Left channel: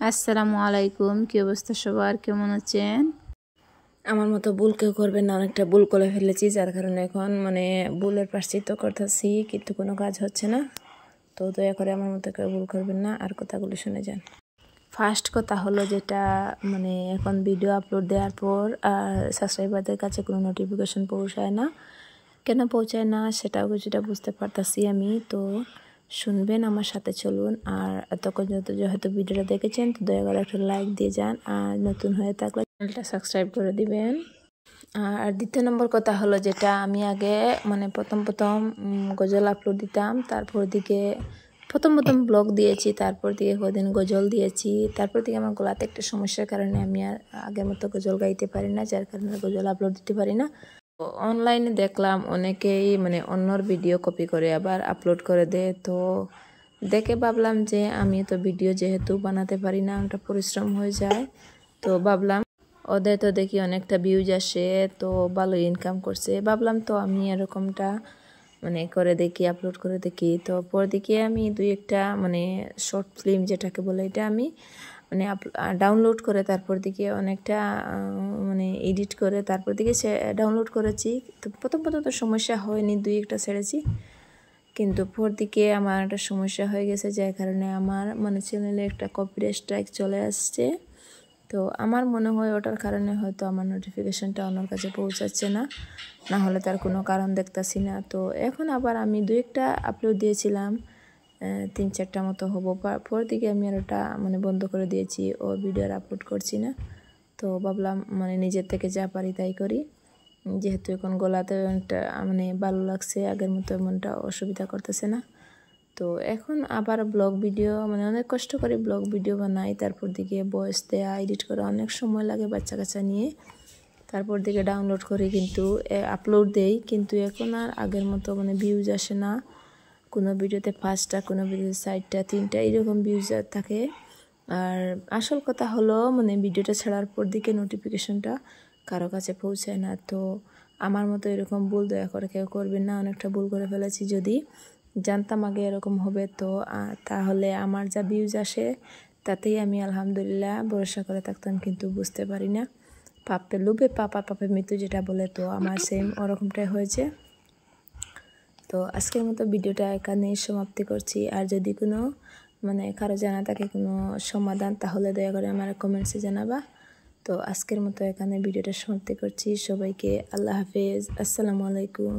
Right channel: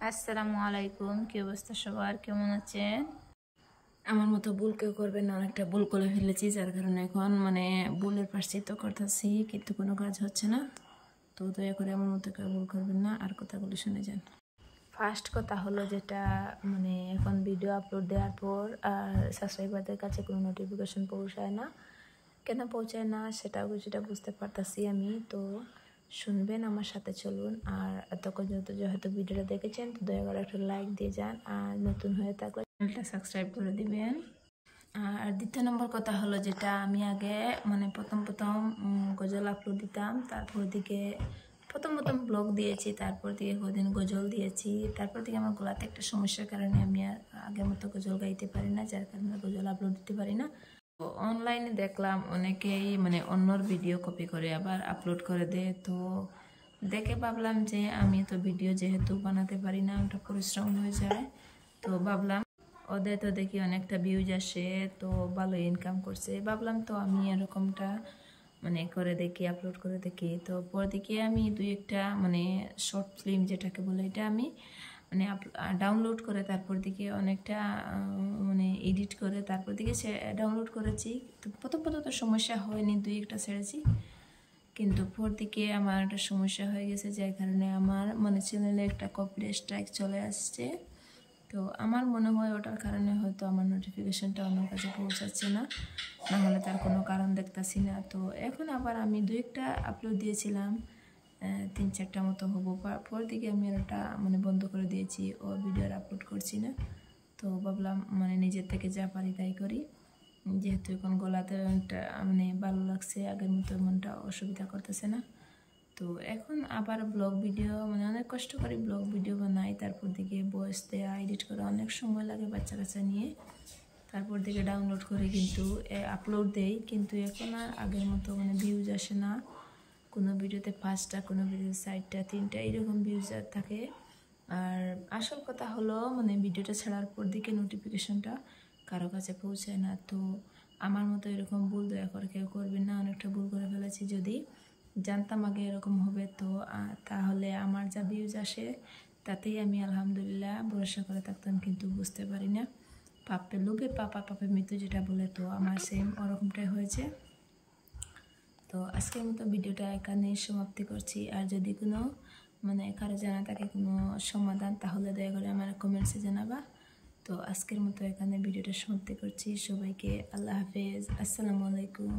আসসালামু আলাইকুম। কি অবস্থা সবার, কেমন আছেন? আমার মতো ভুল কেউ করবেন না, অনেকটা ভুল করে ফেলেছি, যার কারণে এখন ভুলের প্রায়শ্চিত্ত করতেছি, কিন্তু কোনো কাজ হচ্ছে না। তো দয়া করে আমার মতো কেউ ভুল করবেন না, আর কথাগুলো শুনে যান। ফার্স্ট কথা হলো যেটা এখন ভিডিও আপলোড দেওয়ার পর সাবস্ক্রাইবারদের কাছে কোনো নোটিফিকেশন পৌঁছায় না। কেন পৌঁছায় না সেটাও কিছুটা বুঝতে পারতাছি আমি। তো শুনবেন, আমার সাথে চলুন। আর এতক্ষণ যেহেতু ভিডিওটা দেখেছেন, তো দয়া করে একটা লাইক দিয়ে যান, আর নতুন হয়ে থাকলে চ্যানেলটা সাবস্ক্রাইব করে দিবেন। আর দ্বিতীয় নম্বর কথা হলো যেটা আমি আগে প্রথম গজল আপলোড দিতাম, তারপর দিকে প্রথম ব্লগ দিয়েছি, তারপর দিকে কদিন গজল দিয়েছি, তারপর দিকে আমার গলাতে একটা সমস্যার কারণে আমি আর আগের মতো গজল গাইতে পারি না, যার কারণে গজল আপলোড দিতে পারি না। তো অনলাইনে দেখলাম অনেকেই অন্যর ভিডিও কপি করে আবার আপলোড করে দেয়। তো দেখে ভাবলাম যে আমি তো ভিডিও যেহেতু বানাতে পারি না, একটা পরিশ্রম হয়ে যায়, তো ভাবলাম ওদের তো দেখি অনেকটা ভিউজ আসে, তো ভালো ইনকাম করছে, ভাবলাম তো আমি এরকমটা করে দেখি, আপলোড করে দেখি। তো পর দিকে আমি দুই একটা শর্ট ফিল্ম যেটাকে বলে, এটা আমি ডাউনলোড করে তারপর দিকে অনেকটা এডিট করে তারপর দিকে সে ডাউনলোড করেছি। তো প্রথম তো সমস্যা হয়নি, দুই একটা ছেড়েছি, কিন্তু পর দিকে আমার একটা সমস্যা হয়ে গেছে, যার কারণে আমার চ্যানেলে একটা কপিরাইট স্ট্রাইক চলে আসছে। তো আমার মনে হয় ওটার কারণে হয়তো আমার নোটিফিকেশনটা ওনার কাছে পৌঁছাচ্ছে না, না হলে তার কোনো কারণ দেখতেছি না। তো এখন আবার আমি দুই একটা আপলোড দিয়েছিলাম, 3-4টা মতো হবো, পর দিকে আমি আর ওটা বন্ধ করে দিয়েছি, ও ভিডিও আর আপলোড করছি না। তো ভাবলাম নিজের থেকে যা পারি তাই করি, যেহেতু এখন গলাতে ভালো লাগছে, আগের মতো এমনটা অসুবিধা করতেছে না। তো এখন আবার ব্লগ ভিডিও অনেক কষ্ট করে ব্লগ ভিডিও বানাই, তারপর দিকে ভয়েস দেয়া, এডিট করা অনেক সময় লাগে বাচ্চা কাচ্চা নিয়ে, তারপর দিকে ডাউনলোড করি, কিন্তু আপলোড দেই, কিন্তু এখন আর আগের মতো ভিউজ আসে না। কোনো ভিডিওতে 5টা, কোনো ভিডিওতে 4টা, 3টা এরকম ভিউজ থাকে। আর আসল কথা হলো ভিডিওটা ছাড়ার পর দিকে নোটিফিকেশনটা কারো কাছে পৌঁছায় না। তো আমার মতো এরকম ভুল দয়া করে কেউ করবেন না, অনেকটা ভুল করে ফেলেছি। যদি জানতাম আগে এরকম হবে, তো তাহলে আমার যা ভিউজ আসে তাতেই আমি আলহামদুলিল্লাহ ভরসা করে থাকতাম, কিন্তু বুঝতে পারি না। পাপে লোভে পাপে মৃত্যু যেটা বলে, তো আমার সেম ওরকমটাই হয়েছে। তো আজকের মতো ভিডিওটা এখানেই সমাপ্তি করছি। আর যদি কোনো কারো জানা থাকে কোনো সমাধান, তাহলে দয়া করে আমার কমেন্টসে জানাবা। তো আজকের মতো এখানে ভিডিওটা সমাপ্তি করছি। সবাইকে আল্লাহ হাফেজ, আসসালামু আলাইকুম।